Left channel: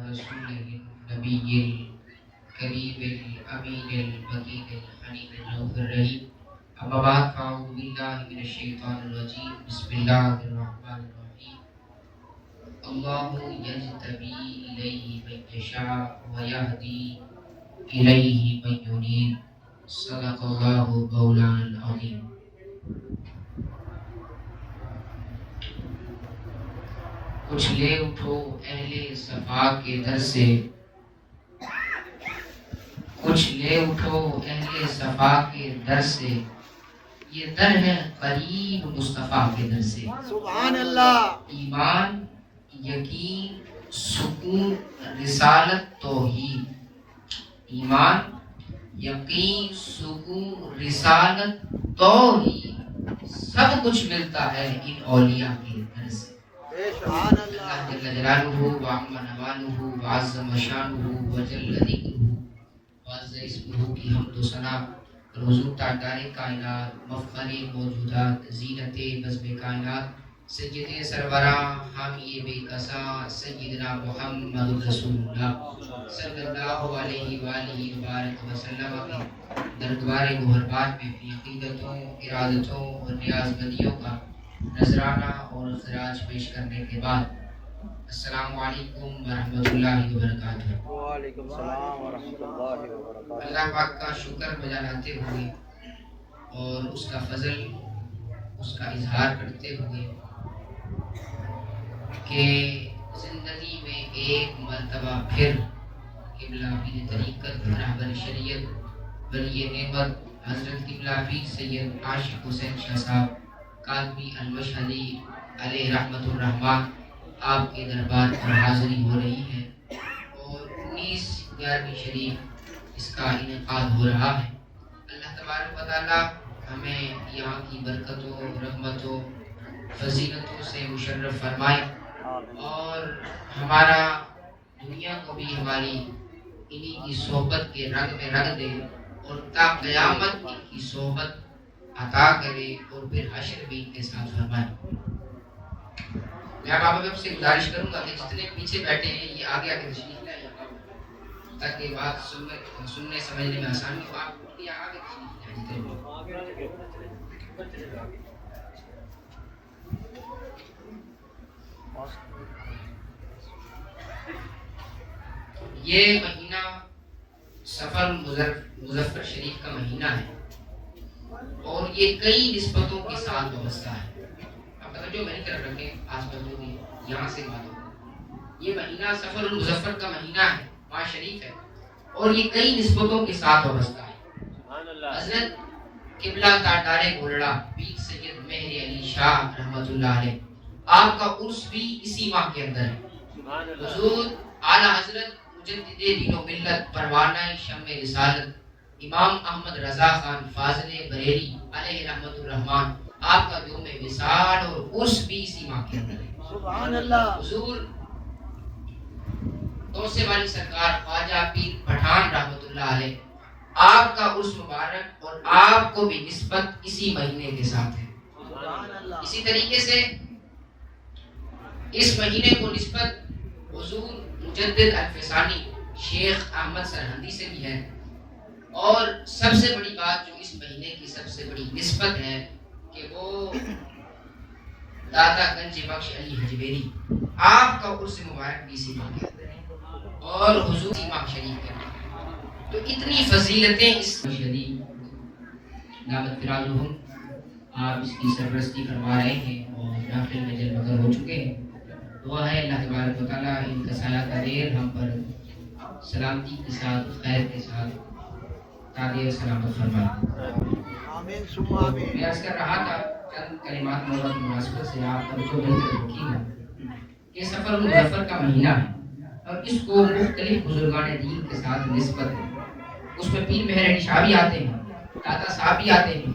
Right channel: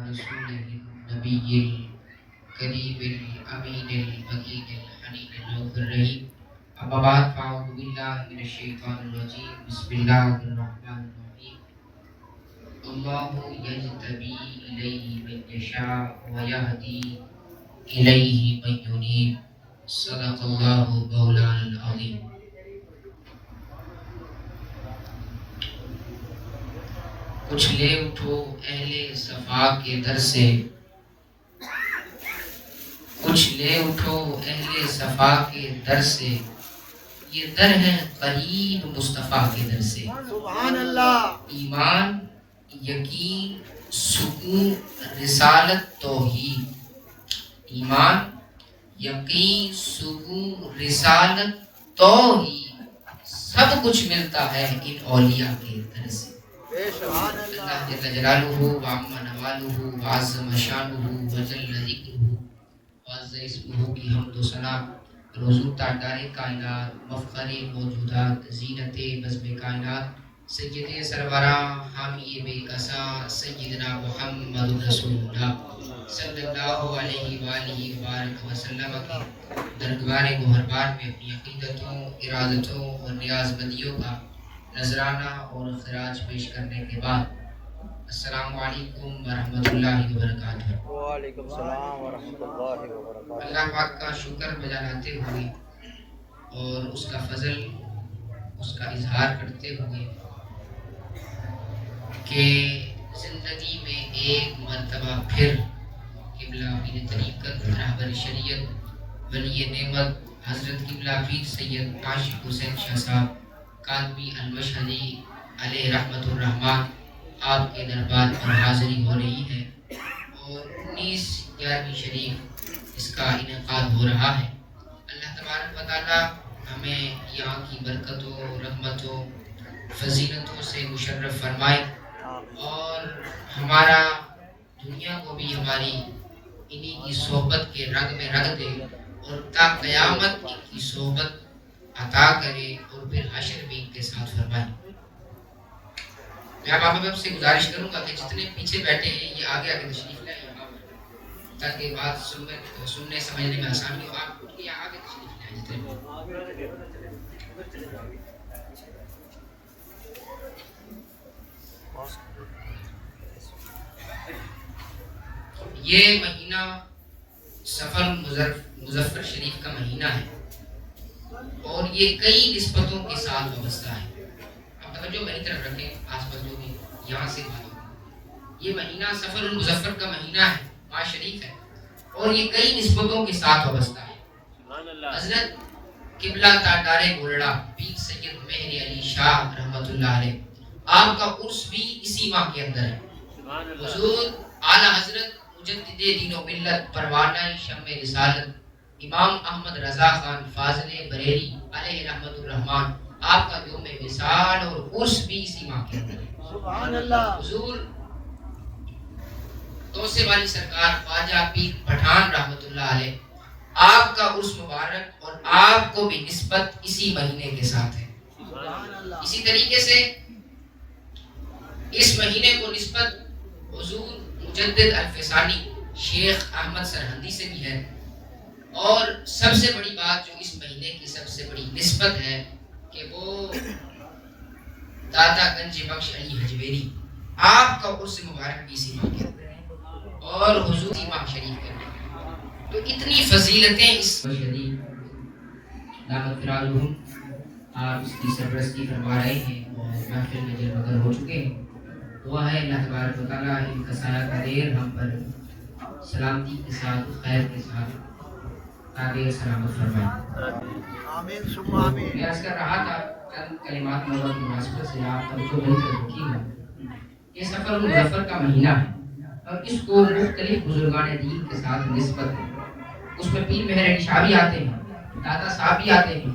رسوله النبي الكريم الأمين المكين الحنين الرؤوف الرحيم أما بعد فأعوذ بالله من الشيطان الرجيم بسم الله الرحمن الرحيم الله يجتبي إليه من يشاء ويهدي إليه من ينيب صدق الله مولانا العظيم. کچھ لے اٹھو اہل صفا کے در سے، کچھ لے اٹھو اہل صفا کے در سے، یہ در ہے قریب مصطفیٰ کے در سے. سبحان اللہ. ایمان، یقین، سکون، رسالت، توحید. ایمان، یقین، سکون، رسالت، توحید، سب کچھ ملتا ہے ان اولیاء کے در سے. سبحان اللہ اللہ. جل جلالہ وعم نوالہ وعظم شانہ وجل ذکرہ وعز اسمہ کی حمد و ثنا روزو تاجدار کائنات، مفخر موجودات، زینت بزم کائنات، سید سروراں حامی بے کساں سیدنا محمد رسول اللہ صلی اللہ علیہ وآلہ وبارک وسلم کی درگبار گہربار میں اپنی عقیدتوں، ارادتوں اور نیاز بندیوں کا نذرانہ اور خراج پیش کرنے کے بعد السلام علیکم ورحمۃ اللہ وبرکاتہ. وعلیکم السلام ورحمۃ اللہ وبرکاتہ. اللہ پاک کا شکر بجا لاتے ہوئے اور اس کا فضل، اس کا اظہار کرتے ہوئے کہ زندگی میں ایک مرتبہ پھر قبلہ پیر طریقت، رہبر شریعت، ولی نعمت حضرت قبلہ پیر سید عاشق حسین شاہ صاحب کاظمی المشہدی علیہ رحمت الرحمن آپ کے دربار پر حاضری ہو رہی ہے اور 19/11 شریف اس کا انعقاد ہو رہا ہے. اللہ تبارک و تعالی ہمیں یہاں کی برکتوں، رحمتوں، فضیلتوں سے مشرف فرمائے اور ہمارا دنیا کو بھی ہماری انہی کی صحبت کے رنگ میں رکھ دے اور تا قیامت ان کی صحبت عطا کرے اور پھر حشر بھی ان کے ساتھ فرمائے. میں اب آپ سے گزارش کروں گا کہ جتنے پیچھے بیٹھے ہیں یہ آگے آگے تشریف لائیں یہاں پر تاکہ بات سننے سمجھنے میں آسانی ہو. آپ اٹھ کے یہاں آگے تشریف لائیں جتنے یہ مہینہ سفر مظفر شریف کا مہینہ ہے اور یہ کئی نسبتوں کے ساتھ وابستہ ہے. اب توجہ میری طرف رکھیں، آس پاس جو بھی یہاں سے بات ہو. یہ مہینہ سفر المظفر کا مہینہ ہے، ماہ شریف ہے اور یہ کئی نسبتوں کے ساتھ وابستہ ہے. حضرت قبلہ تاجدار گولڑا پیر سید مہر علی شاہ رحمۃ اللہ علیہ آپ کا عرس بھی اسی ماہ کے اندر ہے. حضور اعلیٰ حضرت مجدد دین و ملت پروانہ شمع رسالت امام احمد رضا خان فاضل بریلی علیہ رحمت الرحمن آپ کا یوم وصال اور عرس بھی اسی ماہ کے اندر ہے. سبحان اللہ. حضور توسے والی سرکار خواجہ پیر پٹھان رحمت اللہ علیہ آپ کا عرس مبارک اور آپ کو بھی نسبت اسی مہینے کے ساتھ ہے. اسی طریقے سے اس مہینے کو نسبت حضور مجدد الفسانی شیخ احمد سرہندی سے بھی ہے. اور سب سے بڑی بات جو اس مہینے کی سب سے بڑی نسبت ہے کہ وہ دادا گنج بخش علی حجویری آپ کا عرس مبارک بھی اسی ماہ کے اندر ہے اور حضور امام شریف کے اندر. تو اتنی فضیلتیں اس شریف دعوت فرازہم آپ اس کی سرپرستی فرما رہے ہیں اور محفل میں جلوگر ہو چکے ہیں. دعا ہے اللہ تبارک و تعالیٰ ان کا سایہ قدیر ہم پر سلامتی کے ساتھ، خیر کے ساتھ قادر سلامت فرمائے. آمین ثم آمین. میں عرض کر رہا تھا چند کلمات موت مناسبت سے آپ توجہ دے کر رکھی ہے. یہ سفر المظفر کا مہینہ ہے اور اس کو مختلف بزرگان دین کے ساتھ نسبت ہے. اس میں پیر مہر علی شاہ بھی آتے ہیں، دادا صاحب بھی آتے ہیں،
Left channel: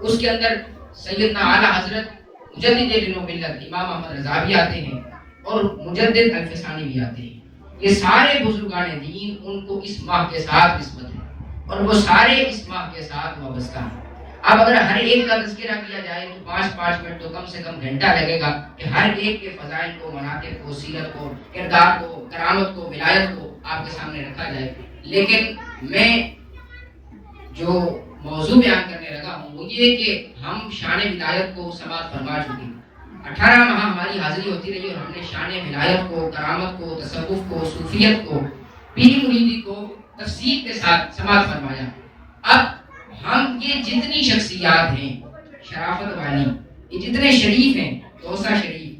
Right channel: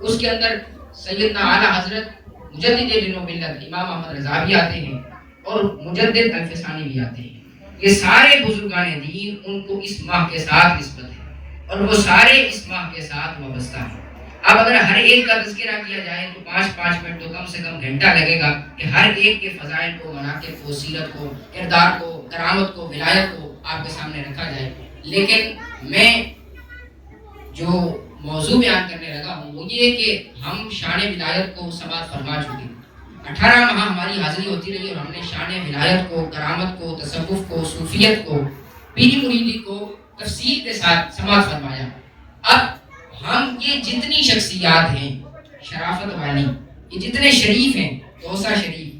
اس کے اندر سیدنا اعلیٰ حضرت مجدد دین و ملت امام احمد رضا بھی آتے ہیں اور مجدد الفسانی بھی آتے ہیں. یہ سارے بزرگان دین ان کو اس ماہ کے ساتھ نسبت ہے اور وہ سارے اس ماہ کے ساتھ وابستہ ہیں. اب اگر ہر ایک کا تذکرہ کیا جائے تو 5 منٹ تو کم سے کم گھنٹہ لگے گا کہ ہر ایک کے فضائل کو، مناقب کو، سیرت کو، کردار کو، کرامت کو، ولایت کو آپ کے سامنے رکھا جائے. لیکن میں جو موضوع بیان کرنے لگا ہوں وہ یہ کہ ہم شان ولایت کو سماعت فرما چکے. 18 ماہ ہماری حاضری ہوتی رہی اور ہم نے شان ولایت کو، کرامت کو، تصوف کو، صوفیت کو، پیری مریدی کو تفصیل کے ساتھ سماعت فرمایا. اب ہم یہ جتنی شخصیات ہیں شرافت والی، یہ جتنے شریف ہیں، توسا شریف،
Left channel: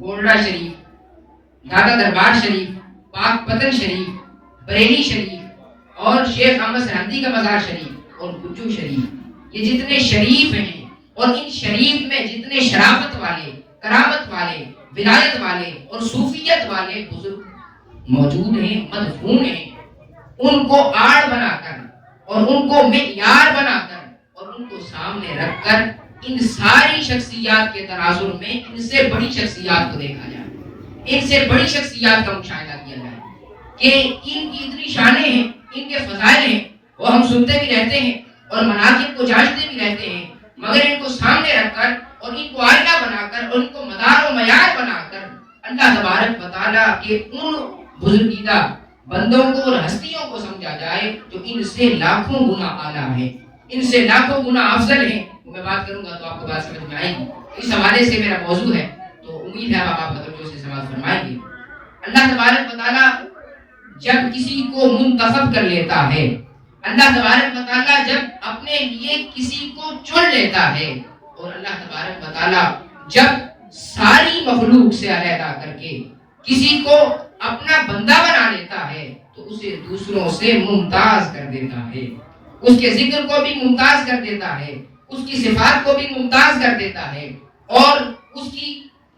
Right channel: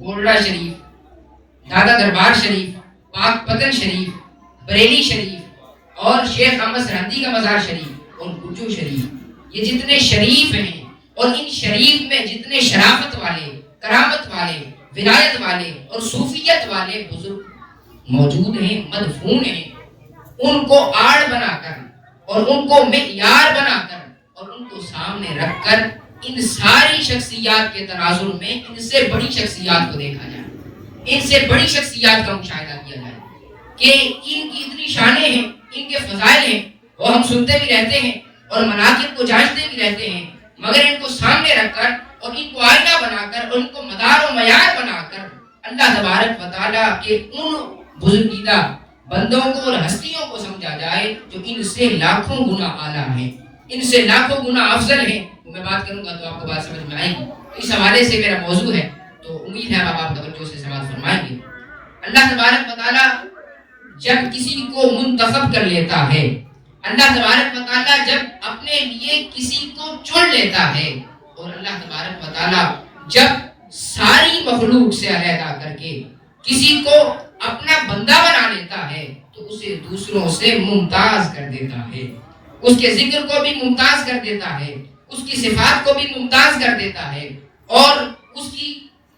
گولڈا شریف، دادا دربار شریف، پاک پتن شریف، بریلی شریف اور شیخ احمد سرہندی کا مزار شریف اور گجو شریف، یہ جتنے شریف ہیں اور ان شریف میں جتنے شرافت والے، کرامت والے، ولایت والے اور صوفیت والے بزرگ موجود ہیں، مدفون ہیں، ان کو آڑ بنا کر اور ان کو معیار بنا کر اور ان کو سامنے رکھ کر ان ساری شخصیات کے تناظر میں ان سے بڑی شخصیات کو دیکھا جائے، ان سے بڑی شخصیات کا مشاہدہ کیا جائے کہ ان کی اتنی شانیں ہیں، ان کے فضائل ہیں، وہ ہم سنتے بھی رہتے ہیں اور مناقب کو جانچتے بھی رہتے ہیں، مگر ان کو سامنے رکھ کر اور ان کو آئینہ بنا کر اور ان کو مدار و معیار بنا کر اللہ تبارک و تعالیٰ کے ان بزرگیدہ بندوں کو اور ہستیوں کو سمجھا جائے جو ان سے لاکھوں گنا اعلیٰ ہیں، ان سے لاکھوں گنا افضل ہیں. میں بات کروں گا تو آپ کو بات سمجھ میں آئے گی. تو اس حوالے سے میرا موضوع ہے، تو امید ہے آپ توجہ سے سماعت فرمائیں گے. اللہ تبارک و تعالیٰ جب کسی کو منتخب کر لیتا ہے، اللہ تبارک و تعالیٰ جب اپنے لیے کسی کو چن لیتا ہے، اور اللہ تبارک و تعالیٰ جب ساری مخلوق سے علیحدہ کر کے کسی کو اپنا بندہ بنا لیتا ہے تو اسے دوسروں سے ممتاز کر دیتا ہے، اس کے ذکر کو بھی ممتاز کر دیتا ہے، اس کی صفات کو بھی ممتاز کر دیتا ہے اور اس کی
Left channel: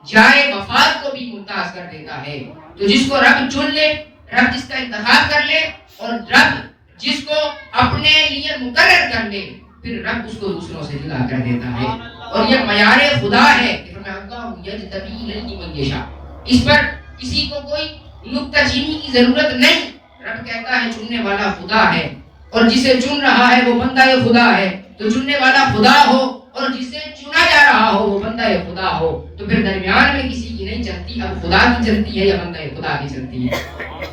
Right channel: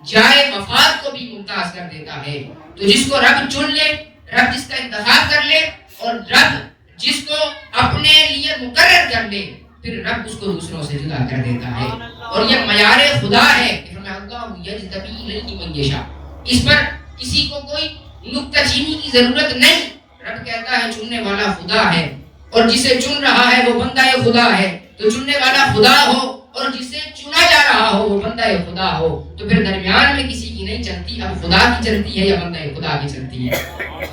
جائے وفات کو بھی ممتاز کر دیتا ہے. تو جس کو رب چن لے، رب جس کا انتخاب کر لے اور رب جس کو اپنے لیے مقرر کر لے، پھر رب اس کو دوسروں سے جدا کر دیتا ہے. اور یہ معیار خدا ہے کہ اللہ یجتبی من یشاء، اس پر کسی کو کوئی نکتہ چینی کی ضرورت نہیں. رب کہتا ہے چننے والا خدا ہے، اور جسے چن رہا ہے وہ بندہ خدا ہے. تو چننے والا خدا ہو اور جسے چنا جا رہا ہو وہ بندہ خدا ہو، تو پھر درمیان میں کسی کی نہیں چلتی، اب خدا کی چلتی ہے یا بندہ خدا کی چلتی ہے.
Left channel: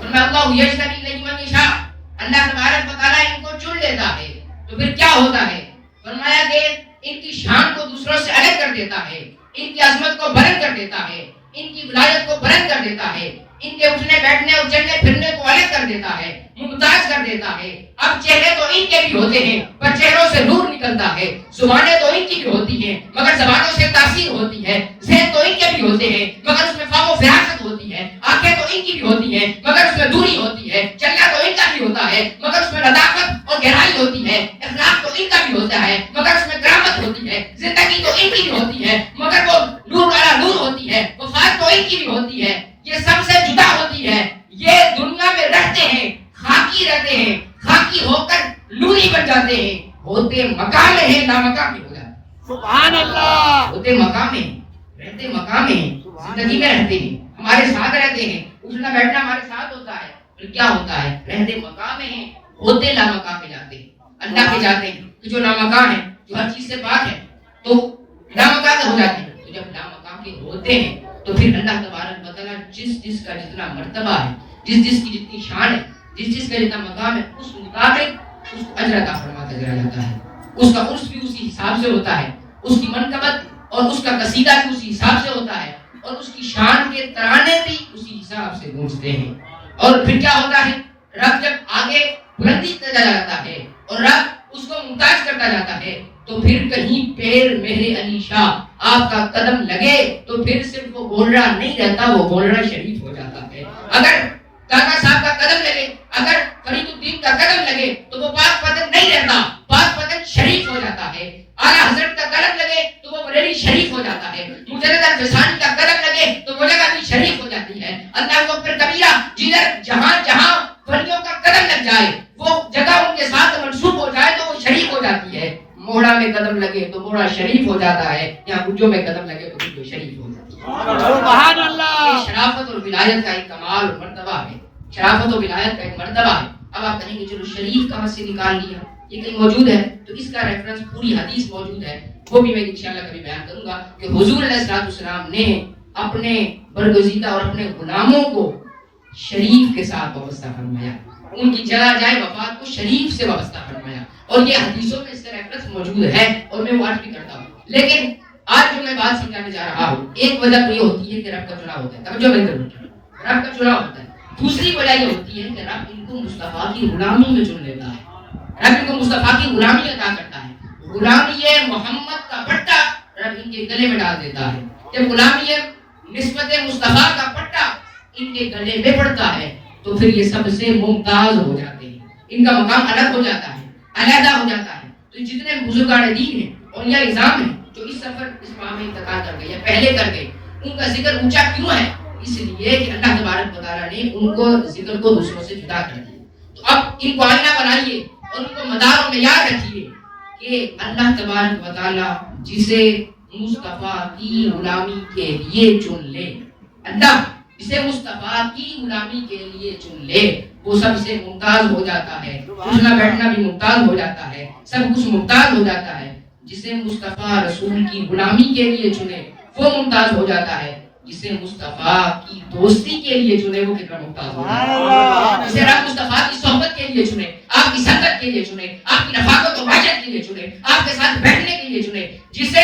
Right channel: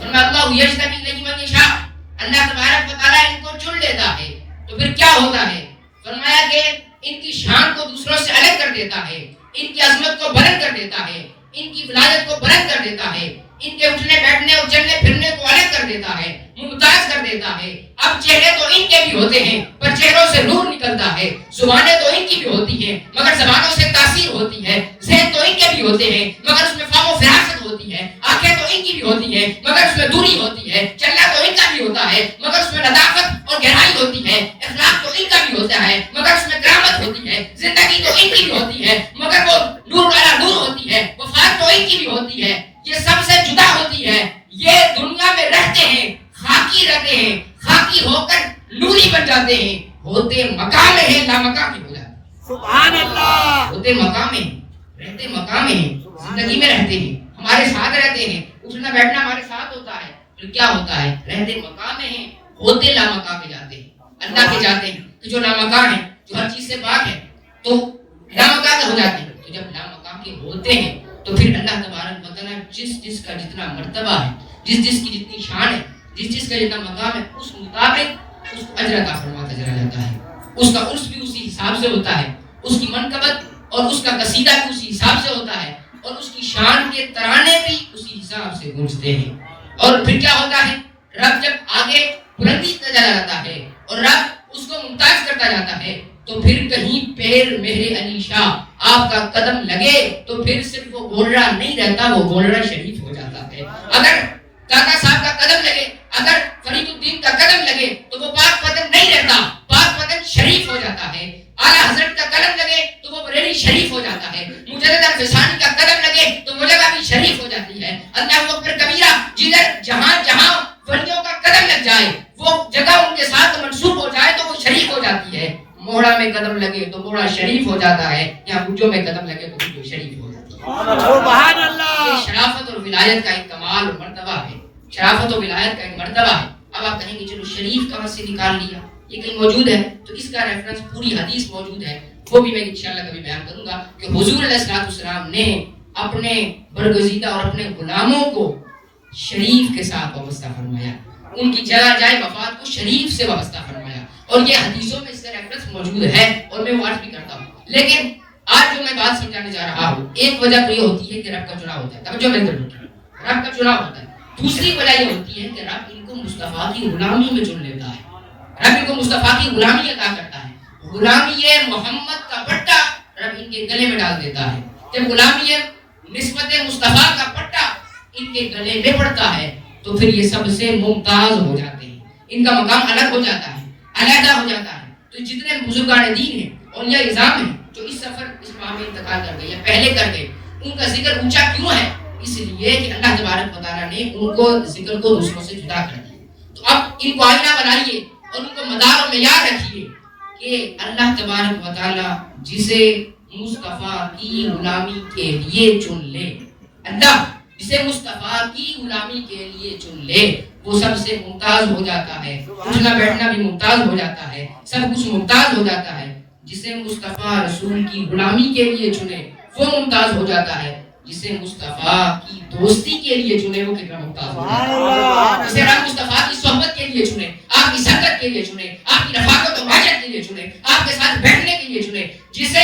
اللہ یجتبی من یشاء، اللہ تبارک و تعالیٰ ان کو چن لیتا ہے تو پھر کیا ہوتا ہے؟ فرمایا کہ ان کی شان کو دوسروں سے الگ کر دیتا ہے، ان کی عظمت کو بلند کر دیتا ہے، ان کی ولایت کو بلند کر دیتا ہے، ان کے اٹھنے بیٹھنے اور چلنے پھرنے کو الگ کر دیتا ہے، ممتاز کر دیتا ہے. اب چہرے تو ان کے بھی ہوتے ہیں پر چہروں سے نور نکلتا ہے، زبانیں تو ان کی بھی ہوتی ہیں مگر زبانوں سے تاثیر ہوتی ہے، ذہن تو ان کے بھی ہوتے ہیں مگر اس میں فہم و فراست ہوتی ہے، آنکھیں تو ان کی بھی ہوتی ہیں مگر اس میں دوری ہوتی ہے، چلنا تو ان کا بھی ہوتا ہے مگر اس میں لطافت اور گہرائی ہوتی ہے، اخلاق تو ان کا بھی ہوتا ہے مگر اس میں کرامت ہوتی ہے، زندگی تو ان کی بھی ہوتی ہے مگر وہ نور والا نور ہوتی ہے، وفات تو ان کی بھی ہوتی ہے، یہ سب سے جدا ہوتی ہے. یہ دنیا میں رہتے ہیں، خاکی رہتے ہیں، خاکی ہو کر نوری بن جاتے ہیں، ہوتے مقام ہیں لا مقام ہو جاتے ہیں. سبحان اللہ. ہوتے مقام ہیں، رہتے مقام ہیں، زندگی میں رہتے ہیں، ہمارے ساتھ رہتے ہیں، اٹھنا بیٹھنا ہمارے ساتھ ہوتا ہے، پھر کیا ہوتا ہے؟ رہتے مقام ہیں، ہوتے لا مقام میں جاتے ہیں، اللہ کے جاتے ہیں. تو جو لا مقام ہے، جو ہر چیز سے پاک ہے، تو لا مقام کے ہو جاتے ہیں. تو جب لا مقام کے ہوتے ہیں تو پھر اللہ تبارک و تعالیٰ جس کا جتنا مرتبہ ہے، جس کی جتنی شان ہے، جس کا جتنا مقام ہے، اس مطابق اس کو اجر عطا فرماتا چلا جاتا ہے. اس کا عرس بھی اسی حساب سے ہوتا ہے، اس کی منقبت اور اس کا قصیدہ بھی اسی حساب سے ہوتا ہے، اور اس کی شان کے ترانے بھی اسی حساب سے گونجتے ہیں. اور پھر کیا ہوتا ہے؟ رب جب آگے بلندی چلا جاتا ہے اور رب اس کو ممتاز کرتا جاتا ہے تو پھر کہیں پیر مہر علی شاہ آپ کا قدم لگے تو پھر صرف وہ گولڑا نہیں رہتا، وہ گولڑا شریف ہو جاتا ہے. اگر کاکا صاحب کا قدم لگے، اگر فرید الدین کا قدم لگے تو وہ پاک پتن نہیں رہتا، پاک پتن شریف ہو جاتا ہے. اعلیٰ حضرت کا قدم لگے تو وہ بریلی شریف ہو جاتا ہے. مجدد الفسانی کا قدم لگے تو وہ جگہ بھی شریف ہو جاتی ہے. اللہ اکبر کبیرہ، جدھر جہاں جہاں ولیوں کا قدم لگ جائے، وہ جگہ ان کے ساتھ منسوب ہو جائے تو وہ شریف ہو جاتی ہے. موڑا میں قدم لگے تو موڑا شریف ہو جاتا ہے، یا گجو میں قدم لگے تو گجو شریف ہو جاتی ہے. سبحان اللہ. یہ شرافت اور ولایت کا ایک کمال اور مرتبہ ہے، شرافت و ولایت کا ایک مرتبہ ہے. اب آپ کہیں گے چلو شریف کہاں سے نکال لیا، یہ کہیں موجود ہے تو اس کا ریفرنس پوری حدیث موجود ہے، وہ بھی میں انشاءاللہ کبھی بیان کروں گا کہ حضور علیہ الصلوۃ والسلام نے اپنے برگزیدہ اور اپنے غلاموں کو شریف کے ساتھ وابستہ فرمایا، ان کی جائے وفات کو شریف سے وابستہ فرمایا، اور یہ حدیثوں میں اس کا ریفرنس موجود ہے اور میں وہ آج بھی کرتا ہوں۔ لیکن آج جو میں بات سمجھانے جا رہا ہوں، ایک وجہ تو یہ ہوتی ہے کہ رب کا چناؤ ہوتا ہے، توجہ میری طرف، رب کا چناؤ ہوتا ہے۔ دوسری وجہ یہ ہوتی ہے کہ رب ان کو مصطفیٰ کی غلامی میں چن لیتا ہے، رب ان کو مصطفیٰ کی غلامی عطا کرتا ہے، غلامی محمد کا پٹا رب ان کے گلے میں ڈال دیتا ہے۔ جب غلامی نسبت مصطفیٰ کا پٹا ان کے گلے میں پڑتا ہے تو پھر یہ سب سے ممتاز ہو جاتے ہیں، ان کا مقام الگ ہو جاتا ہے، علیحدہ ہو جاتا ہے۔ تو جتنے بزرگان دین ہیں اور یہ نظام ہیں جو اس سفر اس ماہ میں انتقال کر گئے یا پہلے کر گئے، ان کا ذکر اونچا کیوں ہے؟ اس لیے کہ اللہ تبارک و تعالیٰ نے ان کو ذکر کو دوسروں سے جدا کر دیا۔ تو اب ان کو آئینہ بنائیے اور ان کو مداروں میں یاد رکھیے کہ اللہ تبارک و تعالیٰ جسے مصطفیٰ کی غلامی کے لیے چن لے، اللہ جسے مصطفیٰ کی غلامی کے لیے چن لے، وہ سب سے ممتاز ہو جاتا ہے، اٹھنا بیٹھنا بھی ممتاز ہو جاتا ہے، سب کچھ ممتاز ہو جاتا ہے۔ جسے مصطفیٰ رسول کی غلامی کے لیے چنے وہ ممتاز ہو جاتا ہے، جسے مصطفیٰ کی دوستی کے لیے چنے وہ کتنا ممتاز ہو جاتا ہے۔ جسے رب مصطفیٰ کی صحبت کے لیے چنے، آپ کی سنگت کے لیے چنے، آپ کی رفاقت و بہجت کے لیے چنے، آپ کے ساتھ بیٹھنے کے لیے چنے، جسے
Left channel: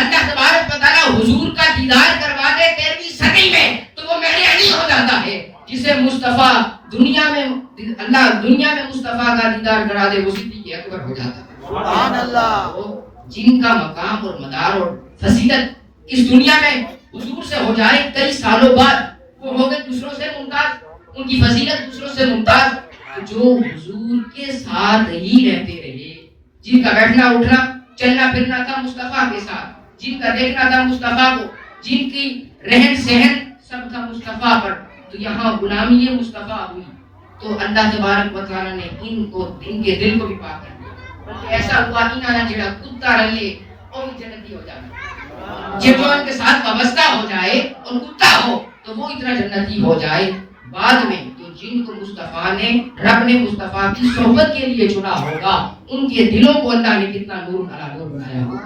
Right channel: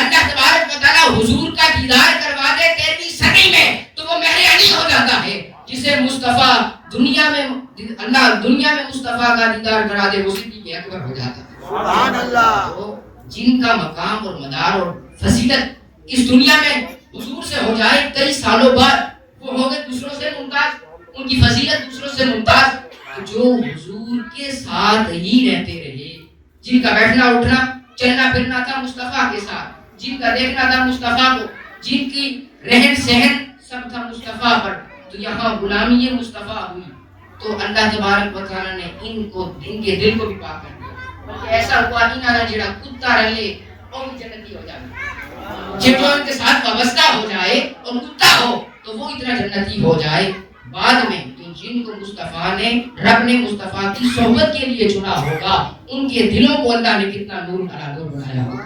اللہ تبارک و تعالیٰ حضور کا دیدار کروا دے 13ویں صدی میں تو وہ مہر علی ہو جاتا ہے۔ جسے مصطفیٰ دنیا میں مصطفیٰ کا دیدار کرا دے وہ صدیق اکبر ہو جاتا ہے۔ سبحان اللہ۔ جن کا مقام اور مدار اور فضیلت اس دنیا میں حضور سے ہو جائے کئی سالوں بعد، وہ ہو گئے دوسروں سے ممتاز، ان کی فضیلت دوسروں سے ممتاز، جو حضور کے ساتھ ہی رہتے رہے، جن کا بیٹھنا اٹھنا چلنا پھرنا تھا مصطفیٰ کے ساتھ، جن کا دیکھنا تھا مصطفیٰ کو، جن کی رہن سہن سب تھا مصطفیٰ پر، تو یہاں غلامی مصطفیٰ ہوئی تو اللہ تبارک و تعالیٰ نے ان کے دل کو بھی پاک کر دیا، بلکہ ایسا ہوا انہاں جڑا کتا رلے اور جنتی ہو جائے، جب وہ ان کے ساتھ وابستہ ہو جائے اور کتا ہو تو وہ اتنا جنتی ہو جائے۔ بعد میں تو جن کو مصطفیٰ نے رب نے مصطفیٰ کی صحبت کے لیے چنا ہوگا، ان کے دلوں کو اللہ نے کتنا نور علی نور بنایا ہوگا،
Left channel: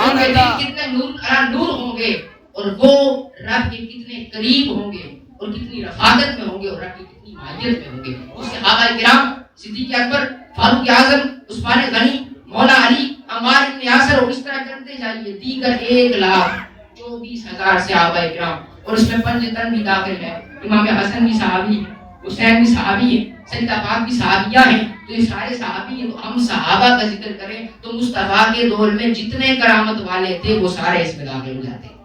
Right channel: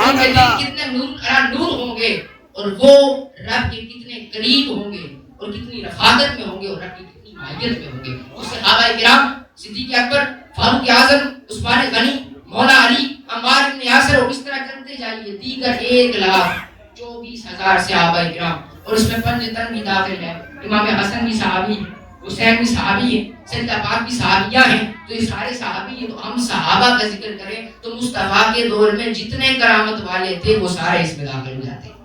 ان کے دل کتنے نور علی نور ہوں گے، اور وہ رب کے کتنے قریب ہوں گے اور کتنی رفاقت میں ہوں گے اور رب کی کتنی معیت میں ہوں گے۔ اس صحابہ کرام صدیق اکبر، فاروق اعظم، عثمان غنی، مولا علی، عمار بن یاسر، اور اس طرح کرتے جائیے دیگر 1,24,000 صحابہ کرام، اور اس میں پنجتن بھی داخل ہے، امام حسن بھی صحابی ہیں، حسین بھی صحابی ہیں، سیدہ پاک بھی صحابیہ ہیں، تو یہ سارے صحابی ہیں۔ تو ہم صحابہ کا ذکر کریں تو مصطفیٰ کے دور میں جتنے کرامت والے تھے وہ سارے اس میں داخل ہو جاتے ہیں۔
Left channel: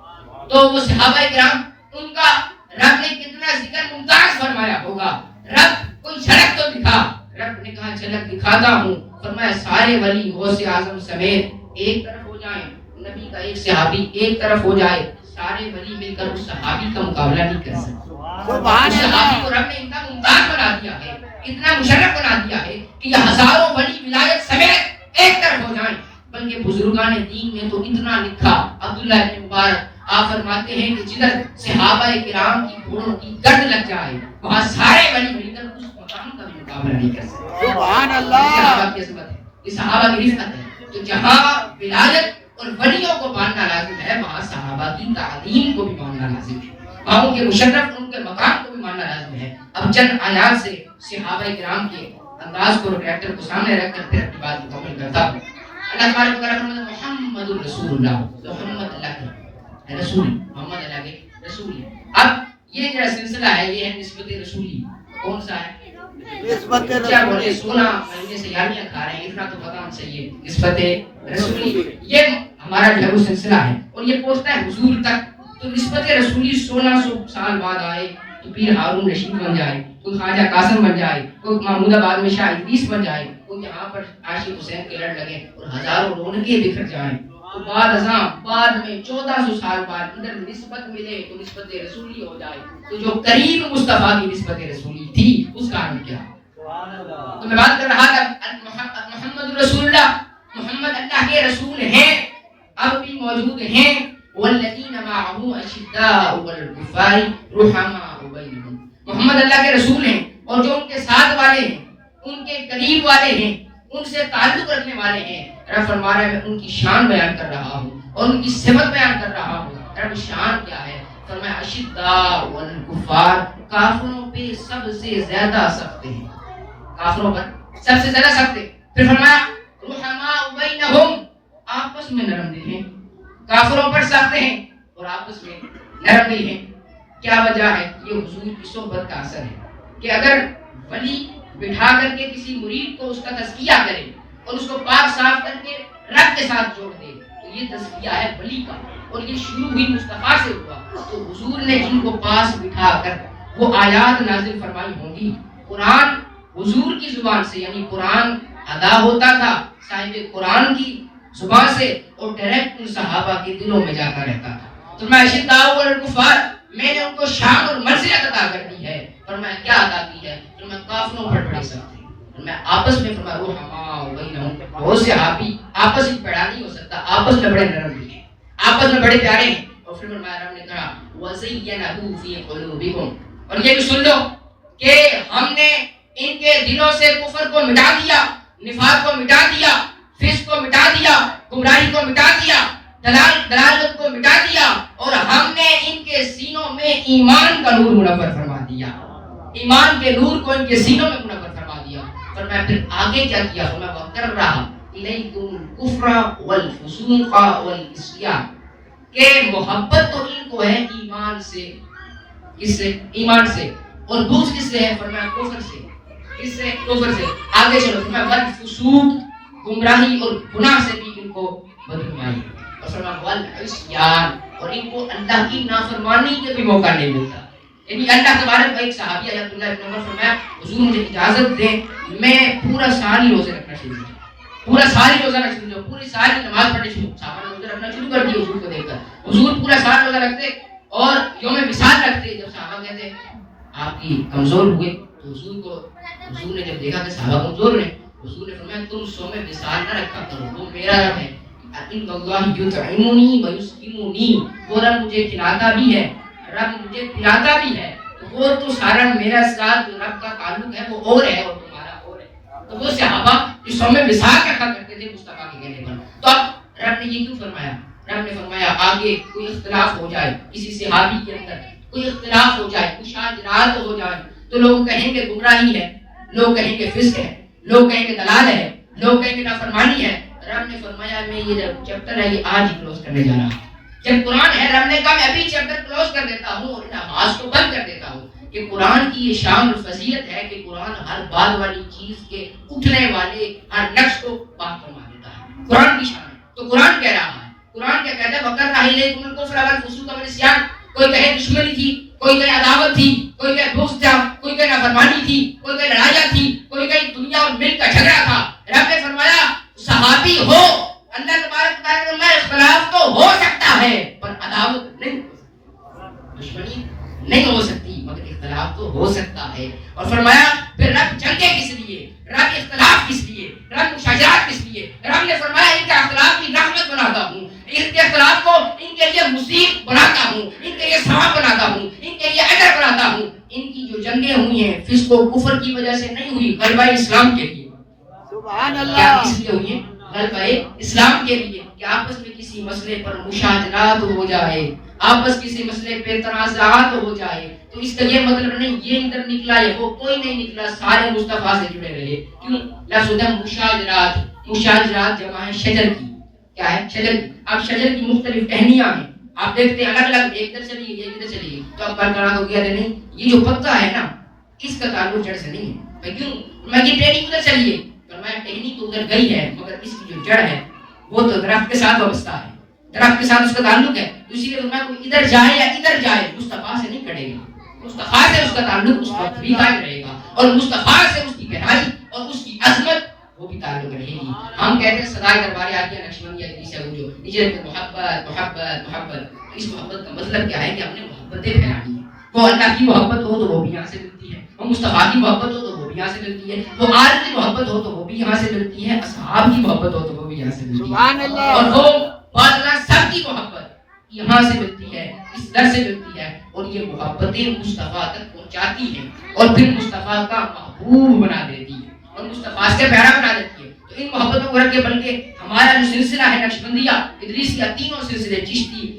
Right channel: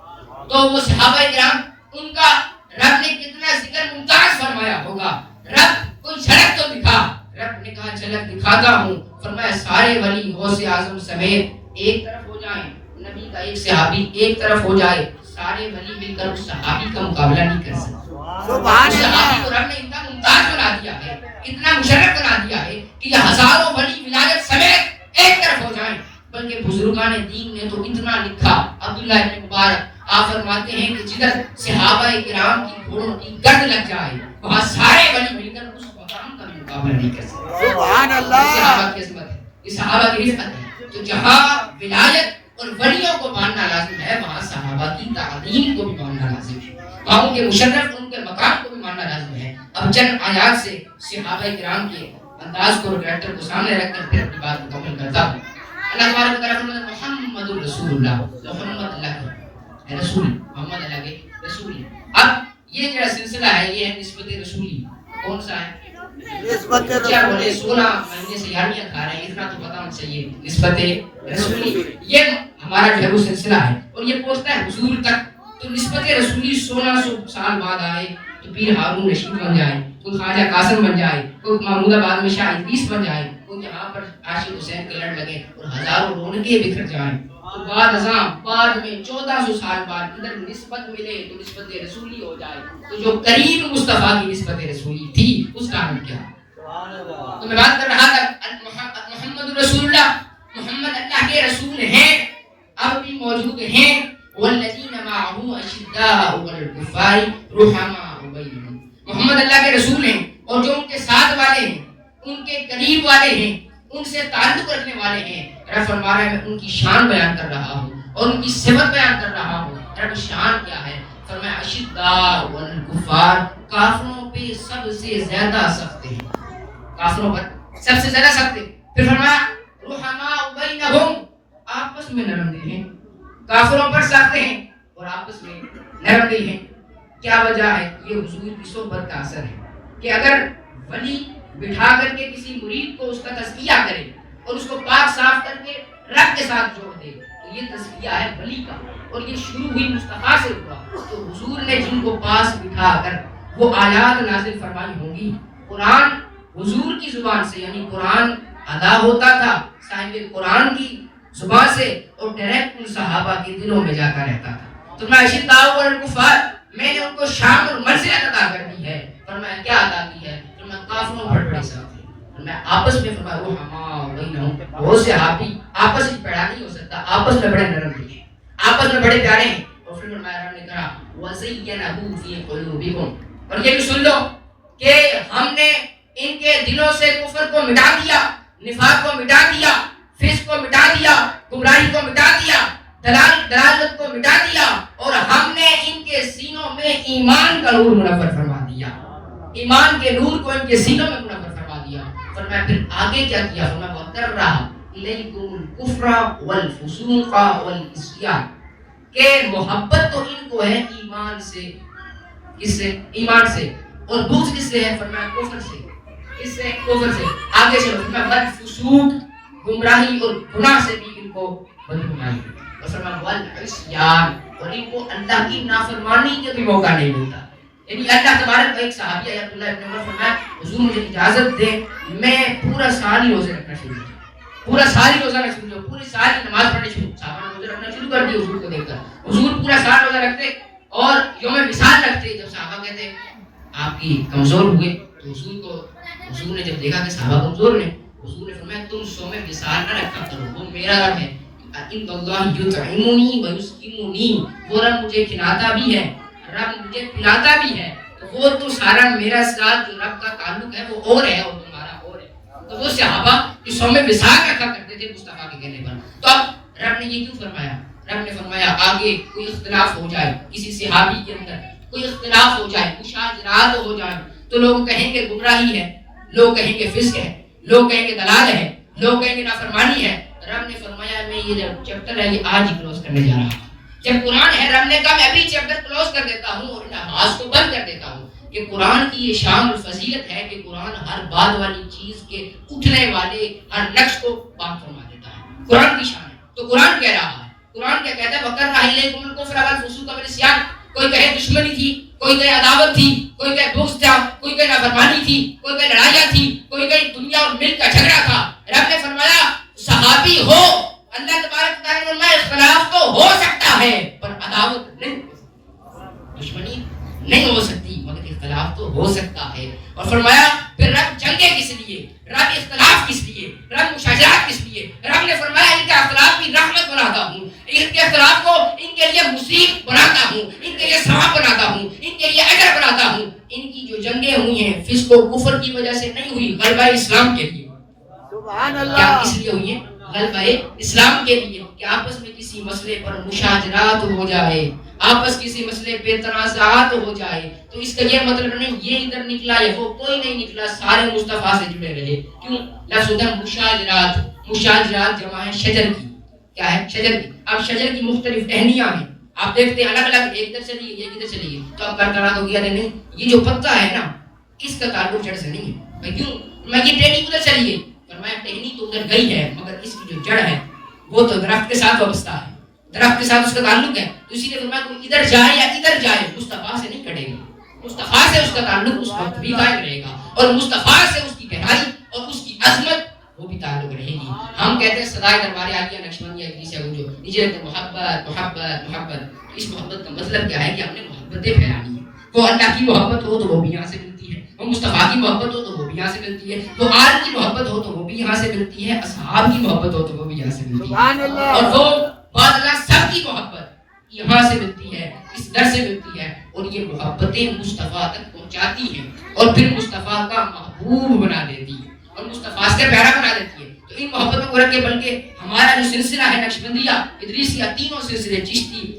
تو وہ صحابہ کرام ان کا رب نے کتنا ذکر ممتاز فرمایا ہوگا۔ رب کوئی جھلک تو دکھا، رب نے کہا جھلک دکھاتا ہوں، فرمایا سارے ولی غوث اعظم سمیت ایک طرف ہو جائیں، نبی کا ایک صحابی ایک طرف ہو جائے، سارے ولی مل کر اس صحابی کا مقابلہ نہیں کر سکتے۔ سبحان اس اللہ۔ صحابی کو رب نے اتنا ممتاز بنا دیا ہے، اتنا مشرف بنا دیا ہے کہ یہ ہزاروں ولی ولایت سمیت ایک طرف ہو جائیں۔ بلکہ بزرگان دین نے تو اتنا لکھا، عبداللہ ابن مبارک آپ فرماتے ہیں کہ جدھر صحابہ کرام کی گھوڑوں کی گرد لگ جائے وہاں سارے ولی مل کر اس مقام کا بھی مقابلہ نہیں کر سکتے۔ سبحان اللہ۔ صحابہ کی عظمت ہے، یہ صحابہ کی رفعت ہے۔ تو جہاں ولایت اور ولیوں کو ماننا لازم ہے وہاں صحابہ کی تعظیم کو بھی ماننا لازم ہے، وہاں ان کے مشرف ان کے مقام کو بھی ماننا لازم ہے۔ اب چند آیات سے صحابہ کرام کے انداز کو اور کریکٹر کو سامنے رکھ کر پھر اپنی بات مکمل کرتا ہوں۔ اللہ تبارک و تعالیٰ فرماتا ہے محمد الرسول اللہ، محمد اللہ کے رسول، محمد اللہ کے رسول۔ اب یہ جو سلسلہ ہے یہ ہے نسبت رسولی۔ کون سا ہے؟ نسبت کیا بولے رسولی۔ 16 مہینے سے یاریاں کھا رہے ہیں، اتنا تو پتہ ہونا چاہیے۔ نسبت رسولی یہ ہمارا جو ہے وہ سلسلہ ہے اور یہ پہنچتا ہے حضور تک۔ تو نسبت رسولی 1600 سال بعد آئے تو پیر ہارون رشید بن جائے، کوئی خواجہ قاسم بن جائے، کوئی محمود آباد میں شاہ ادریس بن جائے، کوئی یہاں پر عاشق حسین کے لڑ لگے اور ہزاروں رونقیں بکھر جائیں۔ تو بعد میں 1400 سال بعد ادھر نسبت ملے تو نسبت رسولی ہو جائے۔ تو جو قریب مصطفیٰ کی نسبت رسولی تھی اس کا نام کیا؟ تو میں بات کر رہا تھا محمد رسول اللہ، محمد اللہ کے رسول ہیں، اب بھی موجود ہیں۔ والذین معه اشداء علی الکفار رحماء بینہم، محمد اللہ کے رسول ہیں اور جو ان کے ساتھ والے ہیں، ان کے قریب والے ہیں، ان سے تعلق رکھنے والے ہیں. رب فرما رہا ہے میں ان کی شان بیان کر رہا ہوں اور ان کی صفت بیان کر رہا ہوں. رب شان کیا ہے؟ فرمایا اشداء والکفار، کافروں پہ سب سے زیادہ سخت ہیں، کافروں پر سب سے زیادہ سخت ہیں. پھر فرمایا رحماء بینہم، آپس میں نرم دل ہیں، کافروں پر سخت ہیں اور آپس میں نرم دل ہیں. کیا وجہ ہے؟ یہ حضور کی صحبت کا اثر ہے کہ اگر ولی بٹھا کر کے کسی مرید کو اس کا تزکیہ کرے اور اس کو پاک صاف کر کے رب کے ساتھ جوڑ دے تو یہ تزکیہ ہے ولی کا، اور یہ شروع ہوئی مصطفیٰ سے ہوا. تو حضور نے جن کو پاس بٹھا کر وہ آیات نازل فرمائی ہوں گی، قرآن حضور کی زبان سے، یعنی قرآن ادا ہوتا تھا صاحب قرآن کی زبان سے اور ڈائریکٹ ان صحابہ کے دلوں میں جا کر رہتا تھا. تو میں اشداء والکفار، میں نے ان کو شان اور منزلت عطا کر دی ہے. اور میں کیا عطا کی ہے؟ تو میں کافروں پر بڑے سخت تھے اور میں آپس میں فرمایا رحماء بینہم، بہت سے صحابی آپس میں پیڑا نہیں ہو سکتا، آپس میں بڑے نرم دل ہیں، آپس میں بڑے پیارے ہیں. اور پھر فرمایا رب نے کہا وَزَيَّنَهُ فِي قُلُوبِكُمْ، اور یہ بھی سن لو کہ ہم نے ان کے دلوں سے کفر کو مٹا دیا، نفاق کو مٹا دیا، فسق کو مٹا دیا، گمراہی کو مٹا دیا، دلالت کو مٹا دیا، اور ہم نے ان کے سینوں میں ایمان کا نور منور فرما دیا، ایمان کے نور کو ان کے سینوں میں منور فرما دیا. فرمایا پھر آگے کیا کیا؟ فرمایا وَقَرَّهَ إِلَيْكُمُ الْكُفْرَ وَالْفُسُوقَ وَالْعِصْيَانَ، کہ محبت تو ان کو ہے ایمان سے. کس سے؟ ایمان سے. اور بغض کس سے ہے؟ فرمایا کفر سے. کس سے؟ کفر سے. آگے چلو، فرمایا والفسوق، گمراہی اور گناہ سے بھی ان کو بدگمانی. اور فرمایا والعصیان، اور ان کو اللہ کی نافرمانی کے بھی موقع نہیں ملتا. یعنی اللہ تبارک، ایک صحابی ہے عبداللہ ابن عمر، فرمایا حضور مجھے اجازت دیں میں پورا سال ہی روزے رکھنا شروع کیا، پورا سال ہی روزہ رکھنا شروع کیا، پوری سال ہی نماز پڑھنی شروع. صحابہ نے روزہ رکھنا شروع کر دیا حضور کو دیکھ کر. حضور پورا سال روزہ رکھتے اور یوم وصال رکھتے. جب صحابہ کہتے آپ کی کمزور ہوئے تو حضور نے جب دیکھا کہ صحابہ کمزور ہیں، حضور نے فرمایا تم صوم وصال نہ رکھا کرو، وہ میرا رب ہے. ان اللہ یطعمنی ویسقمنی، وہ رب مجھے کھلاتا بھی ہے، رب مجھے پلاتا بھی ہے. تو وہ تو سارا میرا ساتھ جو رب کا تعلق ہے وہ اور ہے اور تمہارا اور ہے. تو وہ صحابہ جو صوم وصال رکھا کرتے تھے مصطفیٰ کے کہنے پر. تو اب رب نے یہ کیوں فرمایا؟ رب نے فرمایا آگے کوئی اختلاف ہو جائے کسی صحابی کے اندر، کوئی اختلاف ہو جائے، مشاجرات ہو جائے، تو لوگ کہیں گے گمراہی ہے، لوگ کہیں گے فسق ہے، لوگ کہیں گے دلال ہے، لوگ کہیں گے نافرمانی ہے. رب نے فرمایا میں یہ جو چیپٹر ہے یہ آج ہی کلوز کرنے جا رہا ہوں. جب قرآن ہے رب نے کہا میں ابھی چیپٹر کلوز کر دیتا ہوں اور نماز کو بند کر دیتا ہوں. کہ قرآن کی یہ شان اور فضیلت ہے کہ قرآن ہر بعد والی چیز کے اٹھنے والے ہر نقش کو پاک فرما دیتا ہے. قرآن کی شان ہے. تو قرآن کہہ رہا ہے، قرآن کیا کہتا ہے؟ وَقَرَّهَ إِلَيْكُمُ الْكُفْرَ وَالْفُسُوقَ وَالْعِصْيَانَ. کوئی کہے دشمنی تھی، کوئی کہے عداوت تھی، کوئی کہے بغض تھا، کوئی کہے نافرمانی تھی، کوئی کہے لڑائیاں تھی، کوئی کہے دنیا اور ملک کا جھگڑا تھا. رب نے فرمایا صحابی ہو، اللہ تبارک و تعالی میں اختلاف تو ہو سکتا ہے پر عداوت نہیں ہو سکتی، دشمنی نہیں ہو سکتی، مگر اختلاف تو ہو سکتا ہے. اور فرمایا پھر رب جنگیں کس لیے، رب اختلاف کس لیے، رب مشاجرات کس لیے؟ رب نے فرمایا ان کا اختلاف کی رحمت بناتا ہوں، ان کے اختلاف کو ان کے لیے مصیب بناتا ہوں، ان کے لیے ثواب بناتا ہوں، ان کے لیے اجر بناتا ہوں. ان کی جو جنگیں ہوئی ہیں فسق و کفر کی وجہ سے نہیں ہوئی، غلبہ اسلام کے لیے. سبحان اللہ. کیا کس لیے ہوئی ہیں؟ غلبہ اسلام کے لیے. کہ آپس میں کسی مسئلے پر مشاجرات ہو جائے، آپس کسی مسئلے پہ تنازعات ہو جائے تو اس کا یہ مطلب نہیں یہ ادھر نکلا یا وہ کوئی نہیں نکلا، سارے مصطفیٰ سے جڑے رہے. کیوں؟ لفظ ہوتا ہے مشاجرات. مشاجرات جمع ہے شجر کی. کیا ہے؟ شجر کی. اب شجر کی مختلف ٹہنیاں ہیں، آپ دیکھتے ہیں الگ الگ، ایک ادھر چلی گئی ایک ادھر چلی گئی. تو اب برقرار ہو گیا نہیں یہ جو پتا ہے نا اس کا تعلق جڑ سے نہیں ہے. کیوں؟ میں یہ ٹہنی ادھر چلی گئی، فرمایا ٹہنی تو ادھر گئی ہے مگر اس کی جو جڑ ہے وہ تو درخت کے ساتھ وابستہ ہے، درخت کے ساتھ اس کا تعلق ہے. تو اسی لیے فرمایا کوئی ادھر جائے یا ادھر جائے مصطفیٰ سے نہیں کٹے گا، مصطفیٰ سے اس کا تعلق اس وقت بھی قائم رہے گا، اور مصطفیٰ سے اس کی گہرائی اور اس کی عظمت وہ بھی تعلق رہے گی. ہم کہتے ہیں صدائے دربار عالیہ نقشبندیہ کی سے گونجو نیچے محبت محبت محبت. تو اس محبت کا مطلب کیا ہے کہ ہم نے محبتیں پھیلانی ہے. وہ اللہ کی محبت ہو تو وہ بھی یہاں سے ملتی ہے، وہ مصطفیٰ کی محبت ہو تو وہ بھی یہاں سے ملتی ہے، وہ آل کی محبت ہو تو وہ بھی یہاں سے ملتی ہے، اصحاب کی محبت ہو تو وہ بھی یہاں سے ملتی ہے، اور وہ بعد اللہ سب کی محبت یہاں سے ملتی ہے، اس در سے ملتی ہے. اور یہ محبتیں مصطفیٰ تک پہنچاتی ہیں اور پھر مصطفیٰ کا محبوب بنا دیتی ہے اور مصطفیٰ کے پیارا بنا دیتی ہے. تو کے بلکہ ہمارا جو سلسلہ ہے نقشبندیہ ادریسیہ تینوں سلسلے چشتی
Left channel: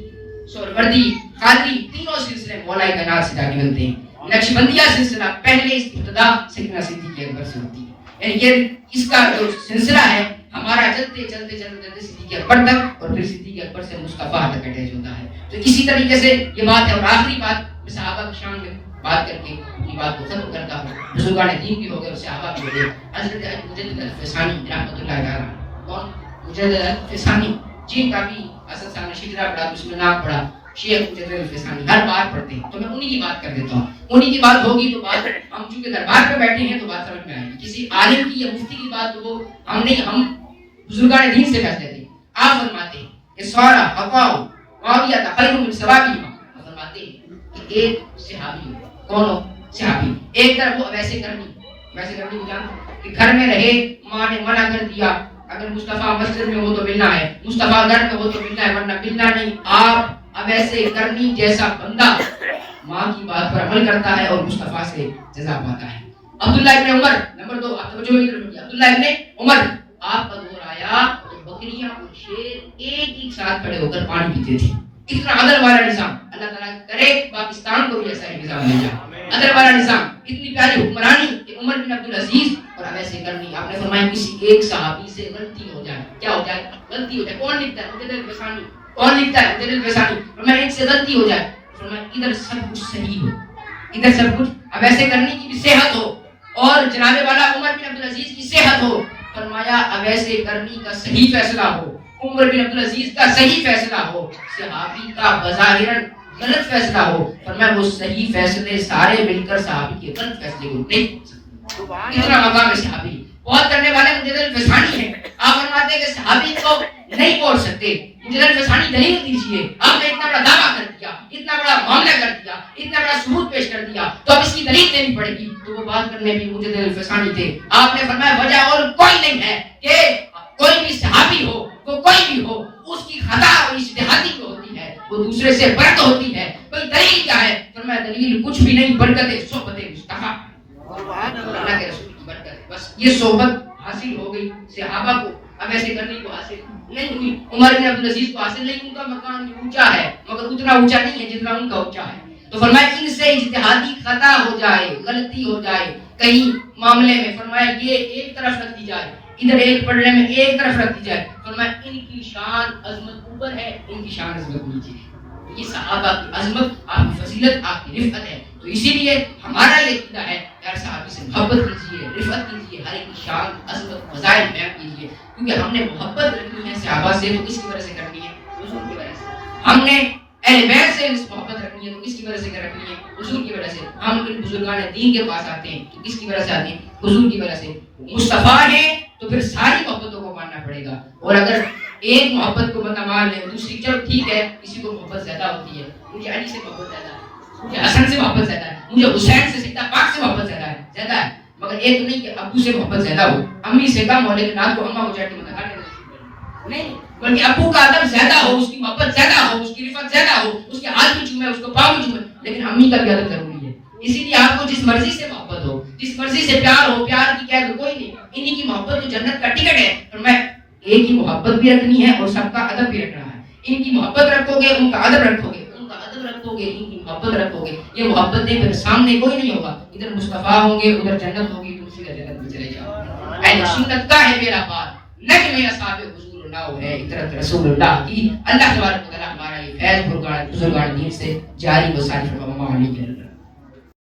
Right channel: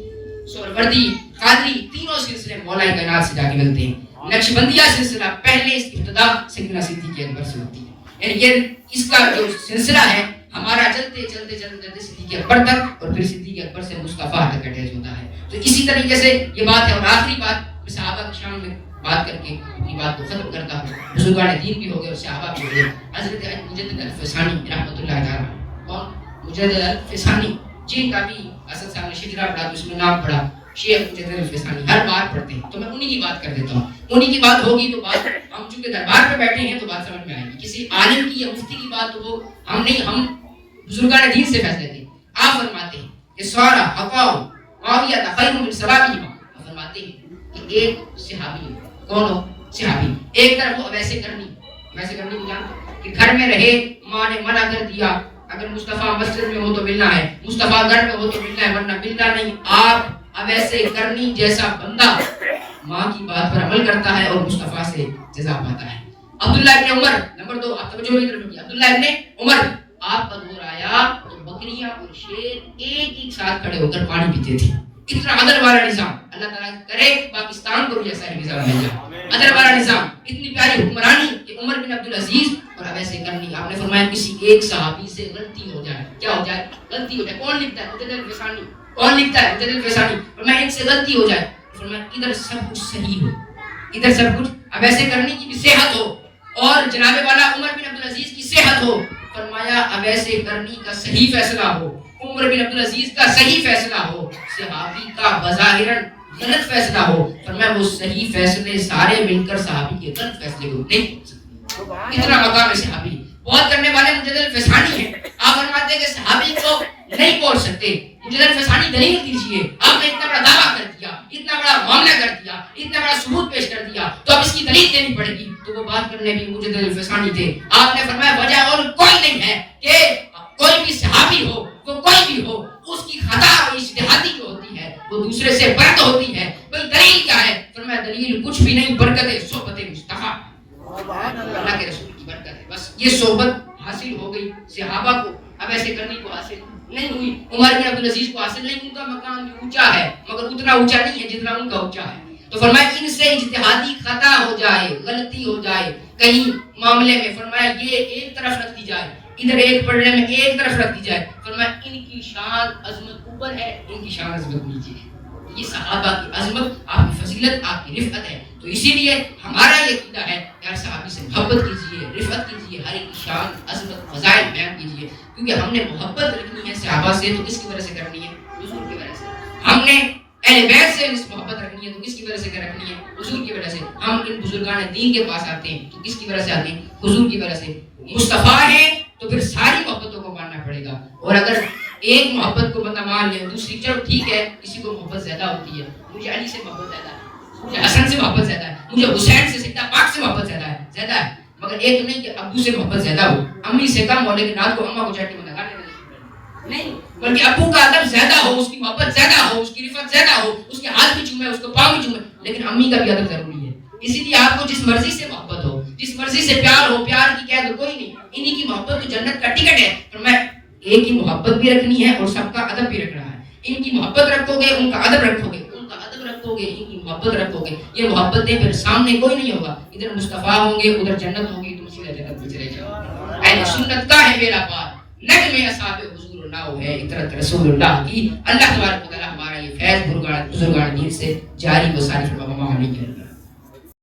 سہروردی قادری تینوں سلسلے مولا کائنات سے جا کے ملتے ہیں۔ نقشبندیہ سلسلہ پہلے اس کی ابتدا سیدنا صدیق اکبر سے ہوتی ہے، یعنی یہ اس کا جو سلسلہ ہے ہمارا چلتے چلتے چلتے چلتے صدیق اکبر تک اور پھر صدیق اکبر سے مصطفیٰ تک اٹیچ ہوتا ہے۔ تو اسی طریقے سے یہ بات ہے۔ اور آخری بات میں صحابہ کی شان میں بات کر کے اپنی بات کو ختم کرتا ہوں۔ بزرگان دین بھی ہو گئے اور صحابہ بھی ہو گئے۔ حضرت مجدد الفسانی رحمۃ اللہ تعالیٰ، کون؟ مجدد الفسانی، جن کا بھی اسد صاحب نے شجرہ پڑھا تو اس میں نام پڑھا شیخ مجدد الفسانی، ہر بار پڑھتے ہیں تو میں انہی کی بات کر دیتا ہوں۔ انہی کی بات ہوگی تو بات ہم چونکہ دربار پہ بیٹھے ہیں تو بات سمجھ میں آئے گی۔ کسی عالم کی یا مفتی کی بات تو وہ ہم نہیں، ہم بزرگان دین سے فیصلے تھے۔ آپ فرماتے ہیں کہ سورا حقاؤ معاویہ خیر من صحابیہما، آپ فرماتے ہیں کہ ایک صحابی، کون ہو؟ صحابی، ایک طرف وہ ویسے کرنی کو جانتے کہ گھر میں رہے، ماں نے منع کر دیا اگر مصطفیٰ مسجد میں ہو تو ملنا ہے، مصطفیٰ گھر میں ہو تو ملنا ہے ورنہ ملنا نہیں۔ آپ اب ایسے کرنی جیسا بندہ ماں کی بات پر عمل کرتا ہے اور مصطفیٰ سے جزا پاتا ہے۔ عبداللہ ابن عمر، نمبر 2، آپ توجہ کی طرف، عبداللہ ابن عمر، آپ کا دور آیا تو بکریاں اور شیر ایک ساتھ کھڑے ہو کر پانی پیتے تھے۔ اتنا عدل والا نظام، اللہ تعالیٰ کرے پاکستان کو بھی ایسا ہی نظام مل جائے، عدل والا نظام، اتنی پیاری حکمرانی کہ عمر بن عبدالعزیز اور اب ایسے کرنی۔ آپ نے فرمایا کسی ایک صحابی سے غلطی ہو جائے، کیا ہو جائے؟ غلطی ہو جائے۔ کون لکھتا ہے؟ مجدد الفسانی۔ کون لکھتا ہے؟ مجدد الفسانی۔ فرمایا ایک سے غلطی ہو جائے، فرمایا ادھر سب کچھ صحیح ہو، ادھر سب کچھ، اب ایسے کرنی کی بھی صحت ہو اور جناب والا عمر بن عبدالعزیز کی صحت ہو، فرمایا اب ایسے کرنی کا صحیح فیصلہ ہو، عمر بن عبدالعزیز کا صحیح فیصلہ ہو، صحابی کا بظاہراً غلط فیصلہ ہو، فرمایا وہ صحیح فیصلے سارے مل کر صحابی کے غلط فیصلے کو نہیں پہنچ سکتے۔ اتنا مقام ہے صحابی، بہت کرنے والے مجدد الفسانی ہیں۔ آپ فرماتے ہیں کہ صحابی کو نہیں پہنچ سکتے، مجدد الفسانی دلیل دیجیے۔ آپ نے اتنا بڑا دعویٰ کر دیا، اتنا بڑا معاملہ کر دیا، اتنا بڑا ثبوت پیش کر دیا تو اب اس کی دلیل دینی پڑے گی۔ تو وہ بات کرنے بھی مجدد الفسانی تھے۔ آپ نے فرمایا وجہ اور کوئی نہیں ہے کہ کوئی بھی صحابی ہو، وہ کوئی بھی ہو، اس کی خطا اجتہادی جو ہوتی ہے وہ دوسرے سے برد ہوتی ہے۔ کوئی دلیل کیا ہے؟ فرمایا دلیل کچھ بھی نہیں، برکت صحبت مصطفیٰ، اللہ کے رسول کی برکت ہے۔ بس یہ صحبت حاصل ہو گئی صحابہ کو، اب ایسے کرنے کو حاصل نہیں ہوئی۔ عمر بن عبدالعزیز کو حاصل نہیں، ان کا مقام بھی اونچا ہے مگر اتنا اونچا نہیں ہے جتنا ان کا اونچا ہے۔ تو فرمایا ان سے اجتہادی خطا ہو جائے، غلطی ہو جائے کہیں معاملے میں، فرمایا یہ ایک طرف رکھ دی جائے، ادھر ایک پڑھنے میں ایک طرف رکھ دی جائے، فرمایا ان کی شان عظمت اوپر ہے، ان کی شان عظمت نیچے ہے۔ یہ صحابہ کی عظمت، آپ کی فضیلت، آپ کی رفعت ہے۔ تو اسی لیے ہمارا یہ عقیدہ ہے یار صحابی سے محبت کیجیے، رفعت کیجیے، ہر ایک کی شان عظمت فضائل بیان کیجیے، کیونکہ ہم نے محبت رکھنی ہے صحابہ سے تو کس کی وجہ سے کرنی ہے؟ حضور کی وجہ سے۔ ہم نے اہل بیت سے محبت رکھنی ہے تو کس کی وجہ سے رکھنی ہے؟ حضور کی وجہ سے۔ ہم ان بزرگان دین کے پاس آتے ہیں تو کس کی وجہ سے آتے ہیں؟ حضور کی وجہ سے۔ مصطفیٰ ہے تو پھر ساری محبتوں کو ماننا پڑے گا، اور اگر ایک محبت کو بندہ مان لے، دوسری چلو ٹھیک ہے کسی کو محبت زیادہ ہوتی ہے، مجھے علی سے محبت زیادہ ہے، مجھے حسن سے محبت زیادہ ہے، مجھے حسین سے سیدنا پاک سے محبت زیادہ ہے، مگر ایک نہیں کہ ابو سے محبت زیادہ ہو، امی سے کم ہو لیکن رات کو اماں کو چاٹ کے مدد نہیں، بلکہ ابو کا ادب زیادہ ہو، اس کی محبت زیادہ ہو، اس کی رفعت زیادہ ہو، اس کے ہاتھ بھی چومے، اس کو پاؤں بھی چومے، لیکن امی کا بھی ادب ضروری ہے۔ اسی لیے آپ کو جس مرضی سے محبت ہو، جس مرضی سے پیار ہو، پیار کی قید کوئی نہیں، انہی کی محبت تو جنت کا ٹکٹ ہے۔ اور میں ایک ہی محبت بھی رکھنی ہے اور سب کا ادب بھی رکھنا ہے۔ ان کی محبت رکھو گے، ان کا ادب رکھو گے، ان کا ادب رکھو گے، ان کی محبت رکھو گے، یہ محبتیں پھر سامنے کوئی نہیں ہوگا، ادھر مصطفیٰ ہوں گے، ادھر جنت ہوگی، تم سیدھا جنت میں چلے جاؤ۔ اہل سنت کا ہے میرا پار، نگ میں اصحاب حضور اللہ ہے اطرت رسول اللہ کی۔ اللہ تبارک و تعالی ہمارا یہ فیض بزرگان دین سے جاری و ساری فرما۔